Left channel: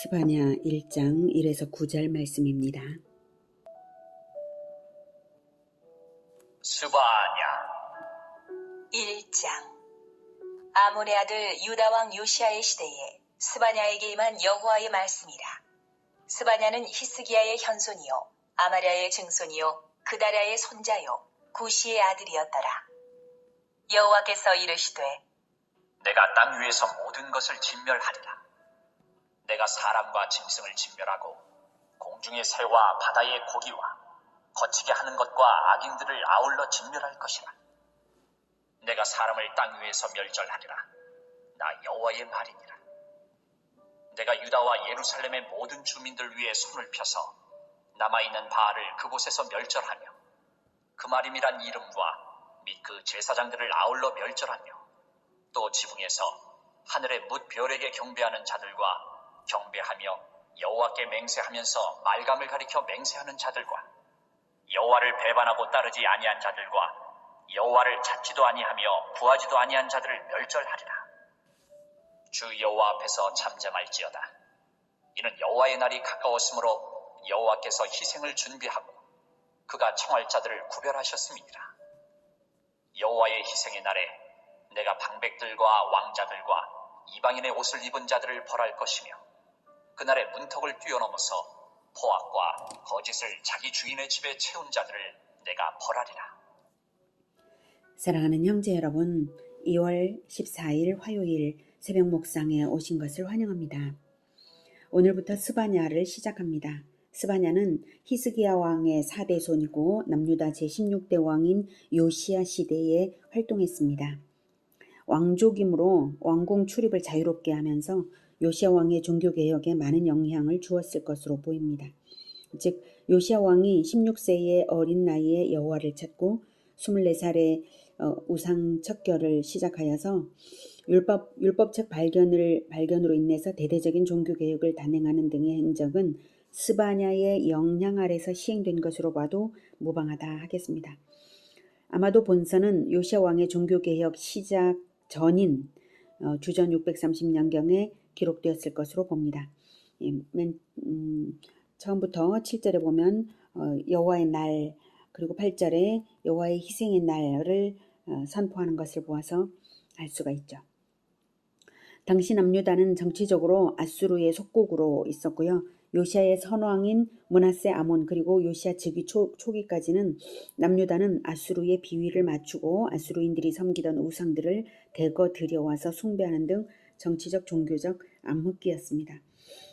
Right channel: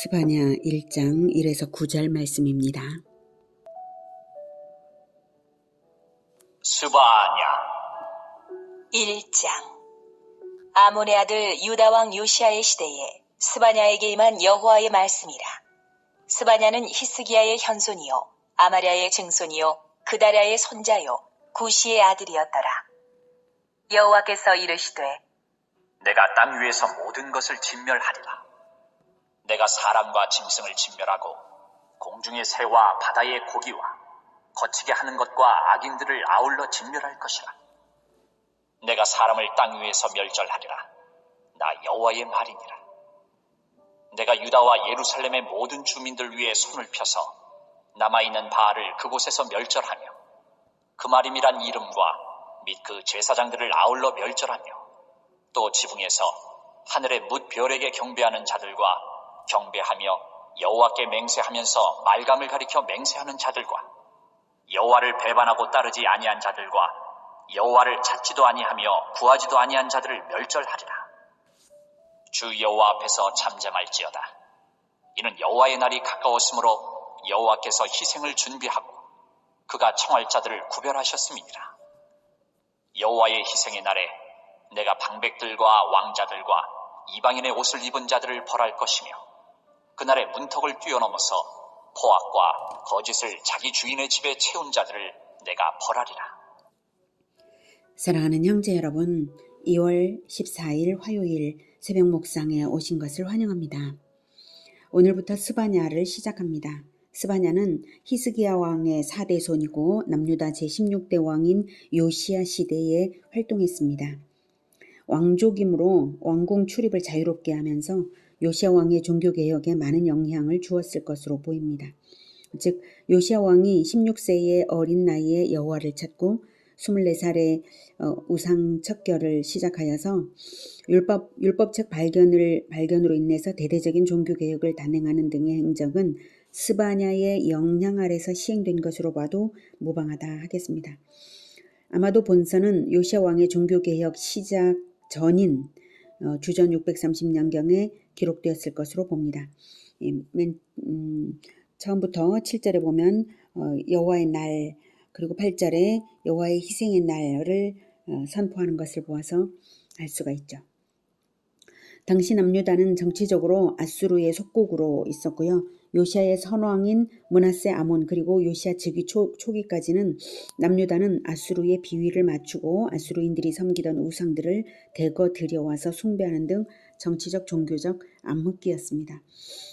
스바냐 1장 1에서 9절 말씀입니다. 스바냐 1장. 아몬의 아들 유다왕 요시아의 시대에 스바냐에게 임한 여호와의 말씀이라. 스바냐는 히스기야의 현손이요 아마랴의 증손이요 그다랴의 손자요 구시의 아들이었더라. 여호와께서 이르시되 내가 땅 위에서 모든 것을 진멸하리라. 내가 사람과 짐승을 진멸하고 공중의 새와 바다의 고기와 거치게 하는 것과 악인들을 아울러 진멸할 것이라. 내가 사람을 땅 위에서 멸절하리라. 나 여호와의 말이니라. 내가 유다와 예루살렘의 모든 주민들 위에 손을 펴서 남아있는 바알을 그곳에서 멸절하며 그 말임이란 이름과 및 그 제사장들을 아울러 멸절하며 또 지붕에서 하늘의 뭇 별에게 경배하는 자들과 경배하며 여호와께 맹세하면서 말감을 가리켜 맹세하는 자들과 여호와를 배반하고 따르지 아니한 자들과 여호와를 찾지도 아니하며 구하지도 아니한 자들을 멸절하리라. 주 여호와 앞에서 잠잠할지어다. 이는 여호와의 날이 가까웠으므로 여호와께서 희생을 준비하고 그가 청할 자들을 구별하셨음이니라. 여호와의 희생의 날에 내가 방백들과 왕자들과 이방인의 옷을 입은 자들을 벌할 것이며 그날의 문턱을 뛰어넘어서 포악과 거짓을 자기 주인의 집에 채운 자들을 내가 벌하리라. 사랑하는 형제 여러분, 2월 14일 화요일 새벽 목상에 오신 것을 환영합니다. 오늘부터 스바냐를 시작합니다. 스바냐는 히스기야 왕의 4대 손이고 남유다 제16대 왕인 요시야 시대에 활동했습니다. 왕족이므로 왕궁 출입을 자유롭게 하면서 요시야 왕의 종교개혁에 많은 영향을 주었을 것으로 보입니다. 즉 요시야 왕이 16세의 어린 나이에 여호와를 찾고 24살에 우상 척결을 시작하여서 율법책 발견으로 인해서 대대적인 종교개혁을 단행하는 등의 행적은 스바냐의 영향 아래서 시행된 것으로 봐도 무방하다 하겠습니다. 아마도 본서는 요시야 왕의 종교개혁 시작 전인 주전 630년경에 기록되었을 것으로 봅니다. 처음부터 7절에 보면 여호와의 날, 그리고 8절에 여호와의 희생의 날을 선포하는 것을 보아서 알 수가 있죠. 당시 남유다는 정치적으로 아수르의 속국으로 있었고요. 요시아의 선왕인 므낫세 아몬 그리고 요시아 즉위 초기까지는 남유다는 아수르의 비위를 맞추고 아수르인들이 섬기던 우상들을 대거 들여와서 숭배하는 등 정치적 종교적 암흑기였습니다.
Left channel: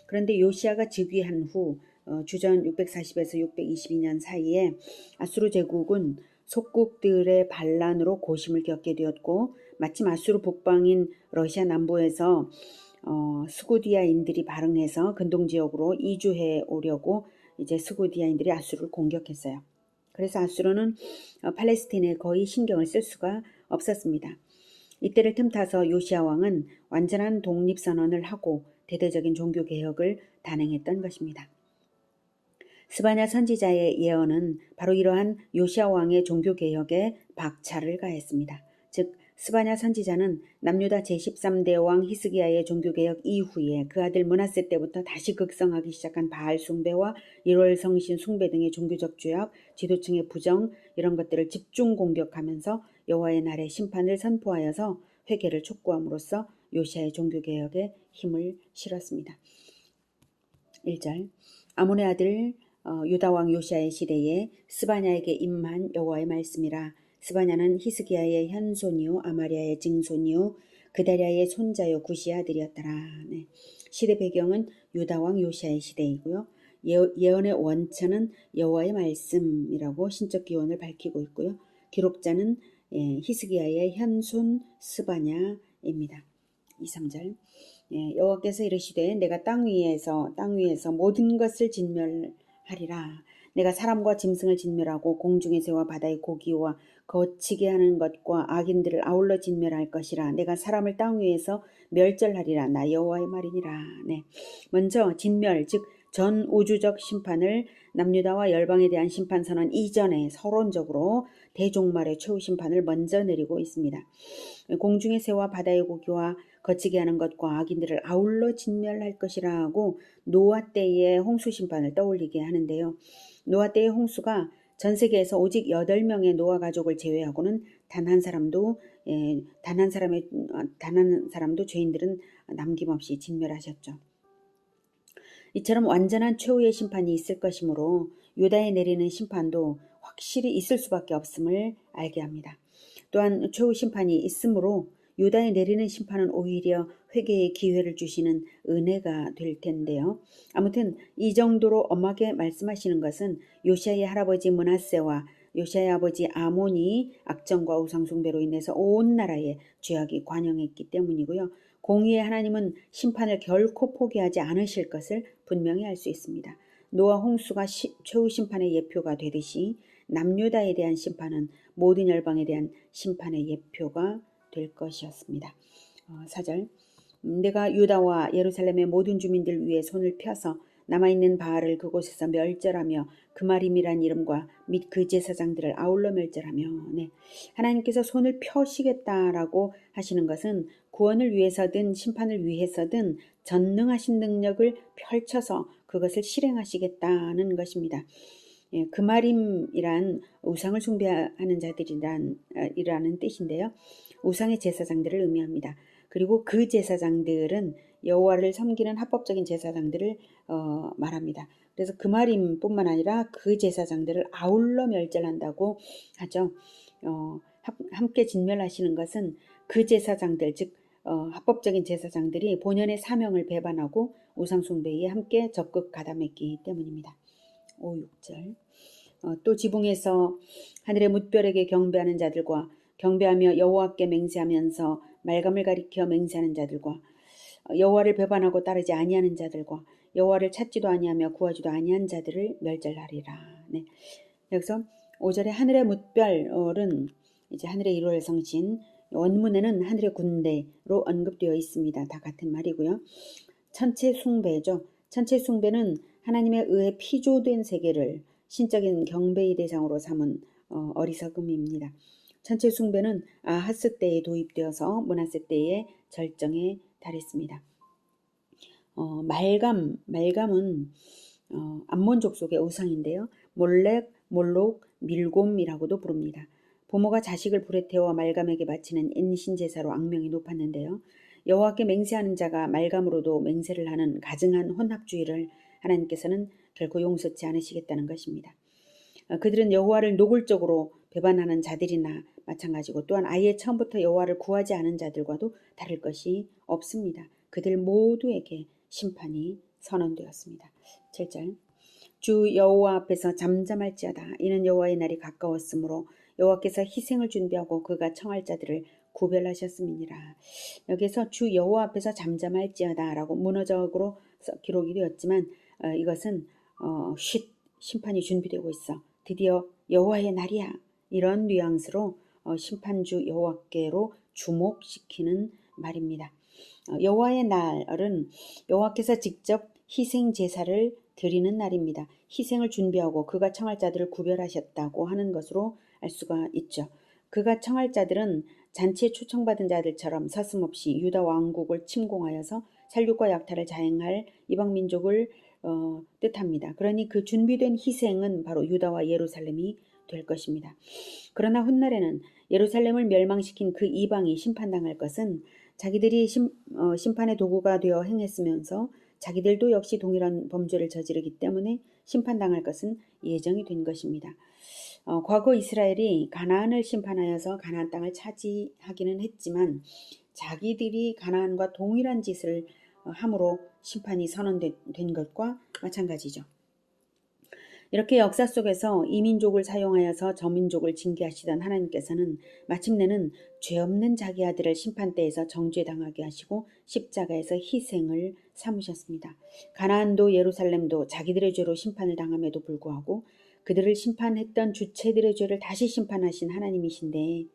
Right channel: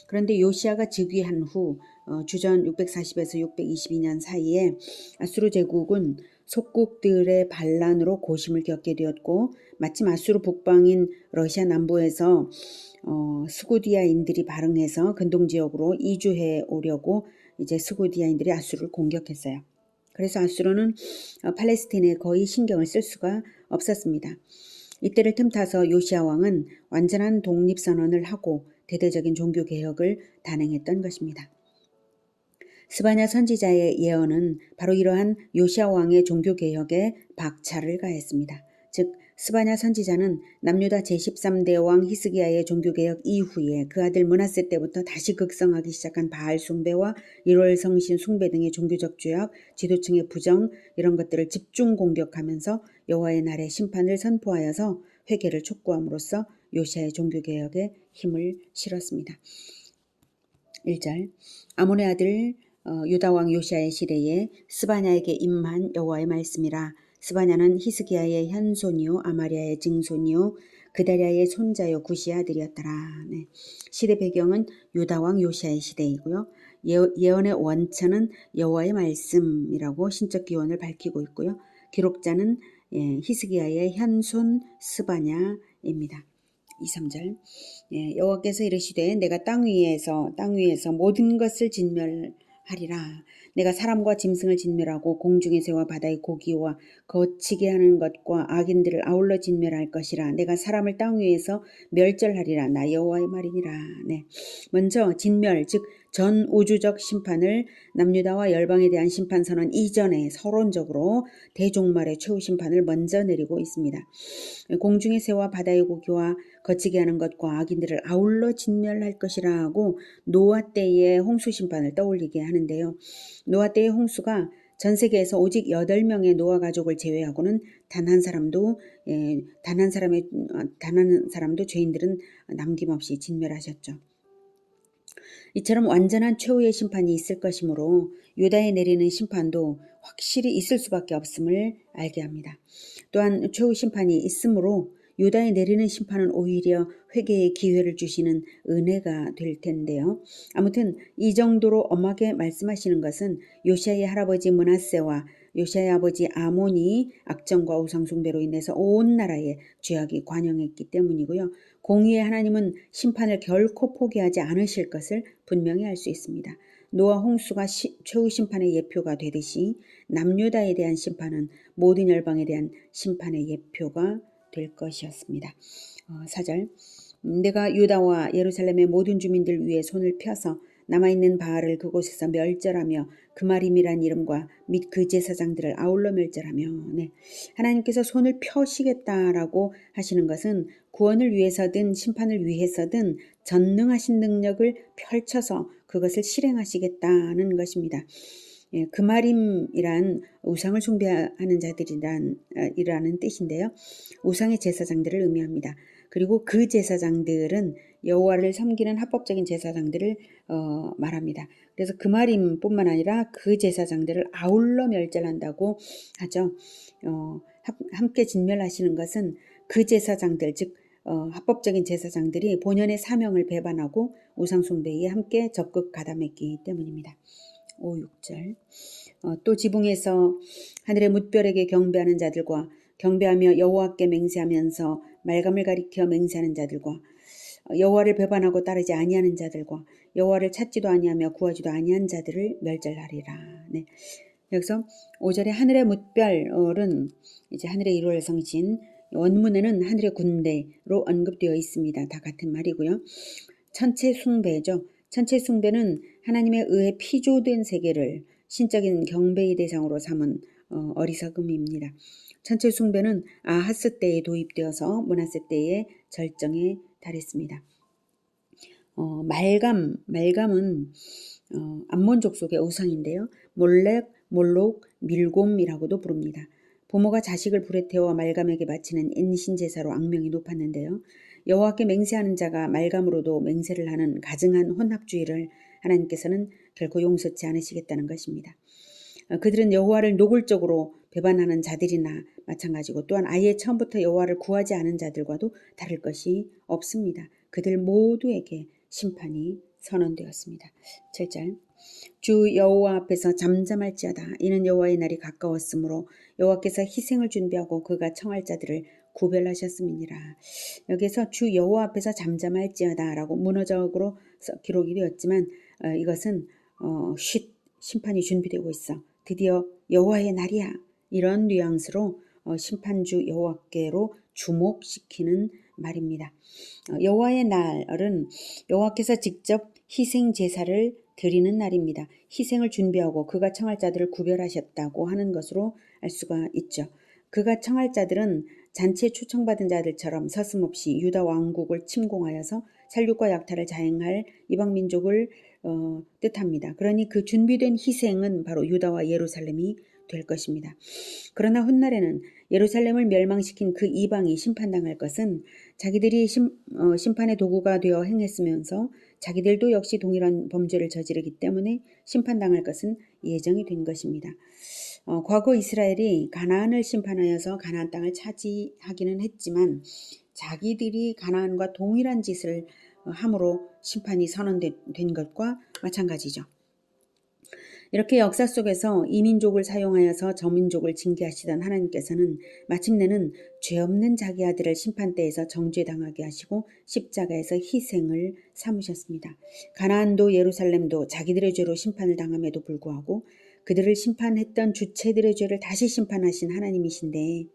그런데 요시아가 즉위한 후 주전 640에서 622년 사이에 아수르 제국은 속국들의 반란으로 고심을 겪게 되었고 마침 아수르 북방인 러시아 남부에서 스구디아인들이 발흥해서 근동지역으로 이주해 오려고 이제 스구디아인들이 아수르를 공격했어요. 그래서 아수르는 팔레스틴에 거의 신경을 쓸 수가 없었습니다. 이때를 틈타서 요시아 왕은 완전한 독립선언을 하고 대대적인 종교개혁을 단행했던 것입니다. 스바냐 선지자의 예언은 바로 이러한 요시아 왕의 종교개혁에 박차를 가했습니다. 즉 스바냐 선지자는 남유다 제13대 왕 히스기야의 종교개혁 이후에 그 아들 므낫세 때부터 다시 극성하기 시작한 바알 숭배와 1월 성신 숭배 등의 종교적 죄악, 지도층의 부정 이런 것들을 집중 공격하면서 여호와의 날의 심판을 선포하여서 회개를 촉구함으로써 요시아의 종교개혁에 힘을 실었습니다. 1절 아몬의 아들 유다왕 요시아의 시대에 스바냐에게 임한 여호와의 말씀이라. 스바냐는 히스기야의 현손이요 아마랴의 증손이요 그다랴의 손자요 구시의 아들이었더라. 네. 시대 배경은 유다왕 요시아의 시대이고요. 예언의 원천은 여호와의 말씀이라고 신적 기원을 밝히고 있고요. 기록자는 히스기야의 현손 스바냐입니다. 2, 3절 여호와께서 이르시되 내가 땅 위에서 모든 것을 진멸하리라. 내가 사람과 짐승을 진멸하고 공중의 새와 바다의 고기와 거치게 하는 것과 악인들을 아울러 진멸할 것이라. 내가 사람을 땅 위에서 멸절하리라. 나 여호와의 말이니라. 네. 먼저 진멸, 즉 전 우주적 심판을 남유다와 열방에 대한 심판 선언 이전에 서론적으로 대종말의 최후 심판을 먼저 내리고 있습니다. 공중의 새와 바다의 고기와 거치게 하는 것과 악인들을 아울러 진멸할 것이라고 노아 때의 홍수 심판을 떠올리게 하는데요. 노아 때의 홍수가 전 세계에서 오직 8명의 노아 가족을 제외하고는 단 한 사람도 죄인들은 남김없이 진멸하셨죠. 이처럼 완전한 최후의 심판이 있을 것이므로 유다에 내리는 심판도 확실히 있을 수밖에 없음을 알게 합니다. 또한 최후 심판이 있으므로 유다에 내리는 심판은 오히려 회개의 기회를 주시는 은혜가 될 텐데요. 아무튼 이 정도로 엄하게 말씀하시는 것은 요시아의 할아버지 므낫세와 요시아의 아버지 아몬이 악정과 우상숭배로 인해서 온 나라에 죄악이 관영했기 때문이고요. 공의의 하나님은 심판을 결코 포기하지 않으실 것을 분명히 알 수 있습니다. 노아 홍수가 최후 심판의 예표가 되듯이 남유다에 대한 심판은 모든 열방에 대한 심판의 예표가 될 것이었습니다. 4절 내가 유다와 예루살렘의 모든 주민들 위에 손을 펴서 남아있는 바알을 그곳에서 멸절하며 그마림이란 이름과 및 그 제사장들을 아울러 멸절하며 하나님께서 손을 펴시겠다라고 하시는 것은 구원을 위해서든 심판을 위해서든 전능하신 능력을 펼쳐서 그것을 실행하시겠다는 것입니다. 그마림이란 우상을 숭배하는 자들이라는 뜻인데요. 우상의 제사장들을 의미합니다. 그리고 그 제사장들은 여호와를 섬기는 합법적인 제사장들을 말합니다. 그래서 그마림뿐만 아니라 그 제사장들을 아울러 멸절한다고 하죠. 함께 진멸하시는 것은 그 제사장들, 즉 합법적인 제사장들이 본연의 사명을 배반하고 우상숭배에 함께 적극 가담했기 때문입니다. 5, 6절 또 지붕에서 하늘의 뭇별에게 경배하는 자들과 경배하며 여호와께 맹세하면서 말감을 가리켜 맹세하는 자들과 여호와를 배반하고 따르지 아니하는 자들과 여호와를 찾지도 아니하며 구하지도 아니한 자들을 멸절하리라. 여기서 5절에 하늘의 뭇별은 이제 하늘의 1월 성신, 원문에는 하늘의 군대로 언급되어 있습니다. 다 같은 말이고요. 천체 숭배죠. 천체 숭배는 하나님의 의에 피조된 세계를 신적인 경배의 대상으로 삼은 어리석음입니다. 천체 숭배는 아하스 때에 도입되어서 므낫세 때의 절정에 달했습니다. 말감은 암몬족 속의 우상인데요. 몰렉, 몰록, 밀곰이라고도 부릅니다. 부모가 자식을 불에 태워 말감에게 바치는 인신제사로 악명이 높았는데요. 여호와께 맹세하는 자가 말감으로도 맹세를 하는 가증한 혼합주의를 하나님께서는 결코 용서치 않으시겠다는 것입니다. 그들은 여호와를 노골적으로 배반하는 자들이나 마찬가지고 또한 아예 처음부터 여호와를 구하지 않은 자들과도 다를 것이 없습니다. 그들 모두에게 심판이 선언되었습니다. 7절 주 여호와 앞에서 잠잠할지어다. 이는 여호와의 날이 가까웠으므로 여호와께서 희생을 준비하고 그가 청할 자들을 구별하셨음이니라. 여기서 주 여호와 앞에서 잠잠할지어다 라고 문어적으로 기록이 되었지만 이것은 심판이 준비되고 있어. 드디어 여호와의 날이야. 이런 뉘앙스로 심판주 여호와께로 주목시키는 말입니다. 여호와의 날은 여호와께서 직접 희생 제사를 드리는 날입니다. 희생을 준비하고 그가 청할 자들을 구별하셨다고 하는 것으로 알 수가 있죠. 그가 청할 자들은 잔치에 초청받은 자들처럼 서슴없이 유다 왕국을 침공하여서 살육과 약탈을 자행할 이방 민족을 뜻합니다. 그러니 그 준비된 희생은 바로 유다와 예루살렘이 될 것입니다. 그러나 훗날에는 예루살렘을 멸망시킨 그 이방이 심판당할 것은 자기들이 심판의 도구가 되어 행했으면서 자기들도 역시 동일한 범죄를 저지르기 때문에 심판당할 것은 예정이 된 것입니다. 과거 이스라엘이 가나안을 심판하여서 가나안 땅을 차지하기는 했지만 자기들이 가나안과 동일한 짓을 함으로 심판이 선언된 것과 마찬가지죠. 이렇게 역사 속에서 이 민족을 사용하여서 저 민족을 징계하시던 하나님께서는 마침내는 죄 없는 자기 아들을 심판대에서 정죄당하게 하시고 십자가에서 희생을 삼으셨습니다. 가나안도 예루살렘도 자기들의 죄로 심판을 당함에도 불구하고 그들을 심판했던 주체들의 죄를 다시 심판하신 하나님이신데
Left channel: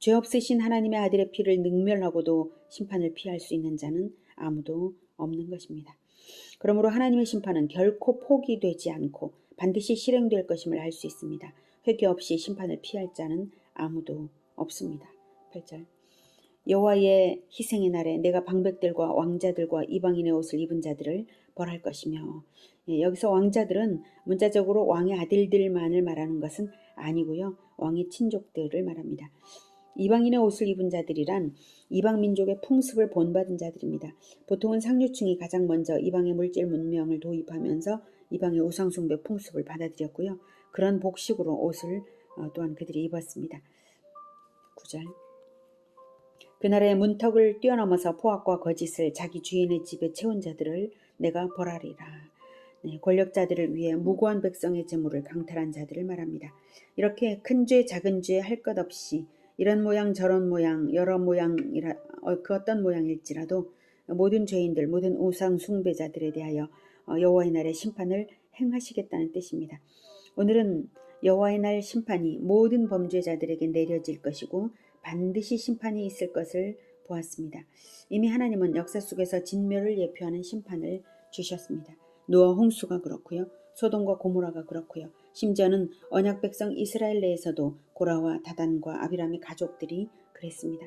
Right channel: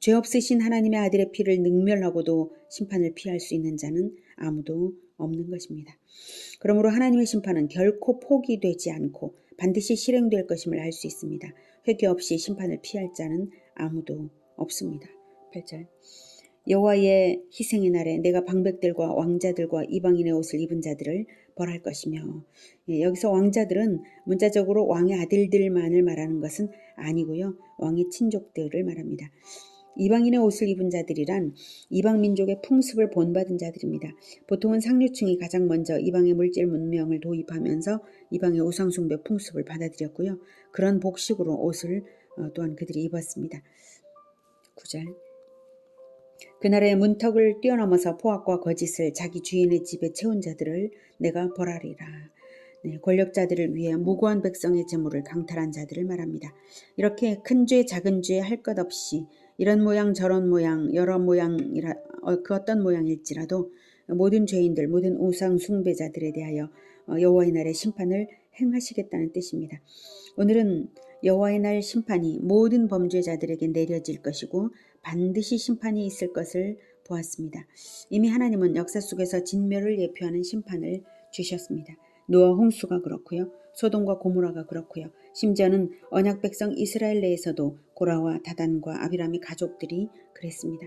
죄 없으신 하나님의 아들의 피를 능멸하고도 심판을 피할 수 있는 자는 아무도 없는 것입니다. 그러므로 하나님의 심판은 결코 포기되지 않고 반드시 실행될 것임을 알 수 있습니다. 회개 없이 심판을 피할 자는 아무도 없습니다. 8절 여호와의 희생의 날에 내가 방백들과 왕자들과 이방인의 옷을 입은 자들을 벌할 것이며, 여기서 왕자들은 문자적으로 왕의 아들들만을 말하는 것은 아니고요. 왕의 친족들을 말합니다. 이방인의 옷을 입은 자들이란 이방 민족의 풍습을 본받은 자들입니다. 보통은 상류층이 가장 먼저 이방의 물질 문명을 도입하면서 이방의 우상숭배 풍습을 받아들였고요. 그런 복식으로 옷을 또한 그들이 입었습니다. 9절 그날의 문턱을 뛰어넘어서 포악과 거짓을 자기 주인의 집에 채운 자들을 내가 벌하리라. 권력자들을 위해 무고한 백성의 재물을 강탈한 자들을 말합니다. 이렇게 큰 죄 작은 죄 할 것 없이 이런 모양 저런 모양 여러 모양이라 그 어떤 모양일지라도 모든 죄인들 모든 우상 숭배자들에 대하여 여호와의 날의 심판을 행하시겠다는 뜻입니다. 오늘은 여호와의 날 심판이 모든 범죄자들에게 내려질 것이고 반드시 심판이 있을 것을 보았습니다. 이미 하나님은 역사 속에서 진멸을 예표하는 심판을 주셨습니다. 노아 홍수가 그렇고요. 소돔과 고모라가 그렇고요. 심지어는 언약 백성 이스라엘 내에서도 고라와 다단과 아비람의 가족들이 그랬습니다.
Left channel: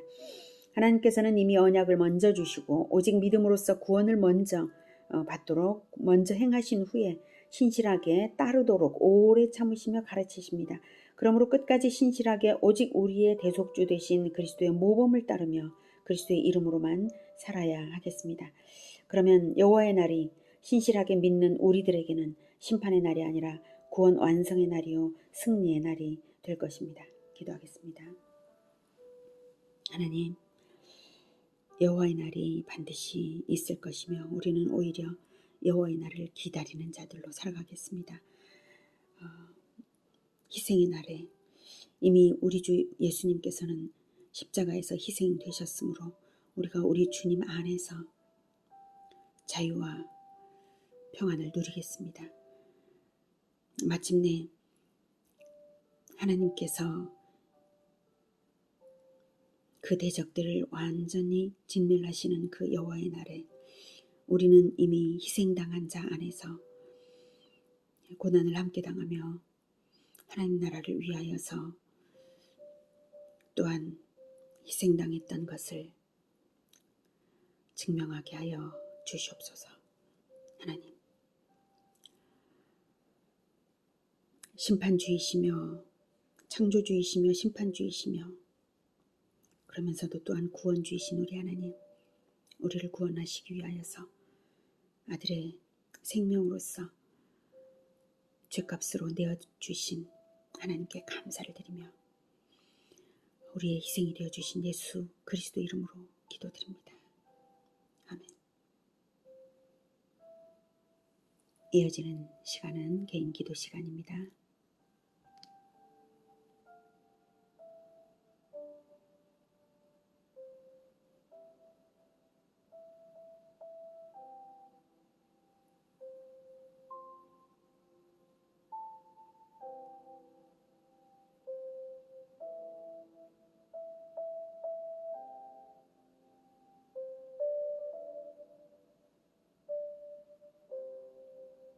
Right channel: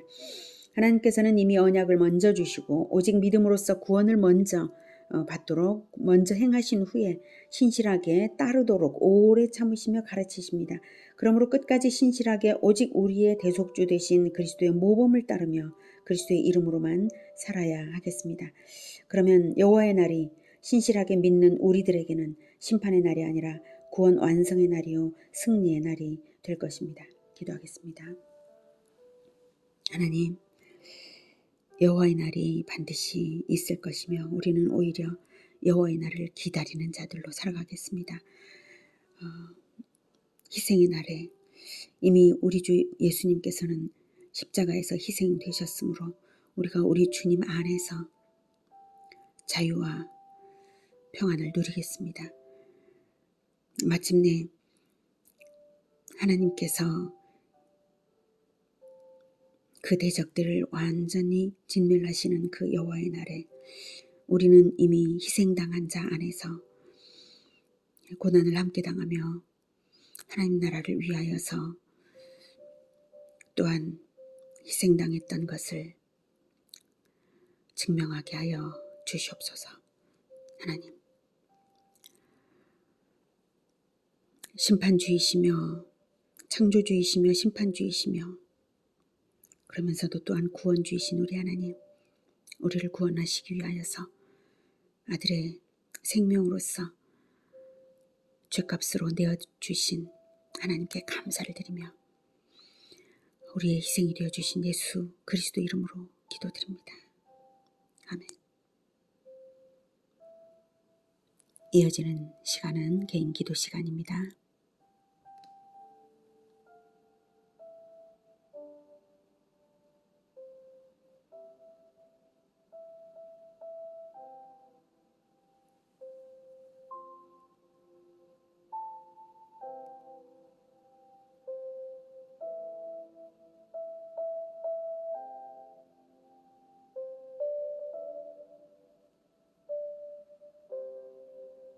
하나님께서는 이미 언약을 먼저 주시고 오직 믿음으로써 구원을 먼저 받도록 먼저 행하신 후에 신실하게 따르도록 오래 참으시며 가르치십니다. 그러므로 끝까지 신실하게 오직 우리의 대속주 되신 그리스도의 모범을 따르며 그리스도의 이름으로만 살아야 하겠습니다. 그러면 여호와의 날이 신실하게 믿는 우리들에게는 심판의 날이 아니라 구원 완성의 날이요 승리의 날이 될 것입니다. 기도하겠습니다. 하나님, 여호와의 날이 반드시 있을 것이며 우리는 오히려 여호와의 날을 기다리는 자들로 살아가겠습니다. 희생의 날에 이미 우리 주 예수님께서는 십자가에서 희생되셨으므로 우리가 우리 주님 안에서 자유와 평안을 누리겠습니다. 마침내 하나님께서 그 대적들을 완전히 진멸하시는 그 여호와의 날에 우리는 이미 희생당한 자 안에서 고난을 함께 당하며 하나님 나라를 위하여서 또한 희생당했던 것을 증명하게 하여 주시옵소서. 하나님, 심판주이시며 창조주이시며 심판주이시며 그러면서도 또한 구원주이신 우리 하나님, 우리를 구원하시기 위하여서 아들의 생명으로서 죄값으로 내어주신 하나님께 감사를 드리며 우리의 희생이 되어주신 예수 그리스도 이름으로 기도드립니다. 아멘. 이어지는 시간은 개인 기도 시간입니다.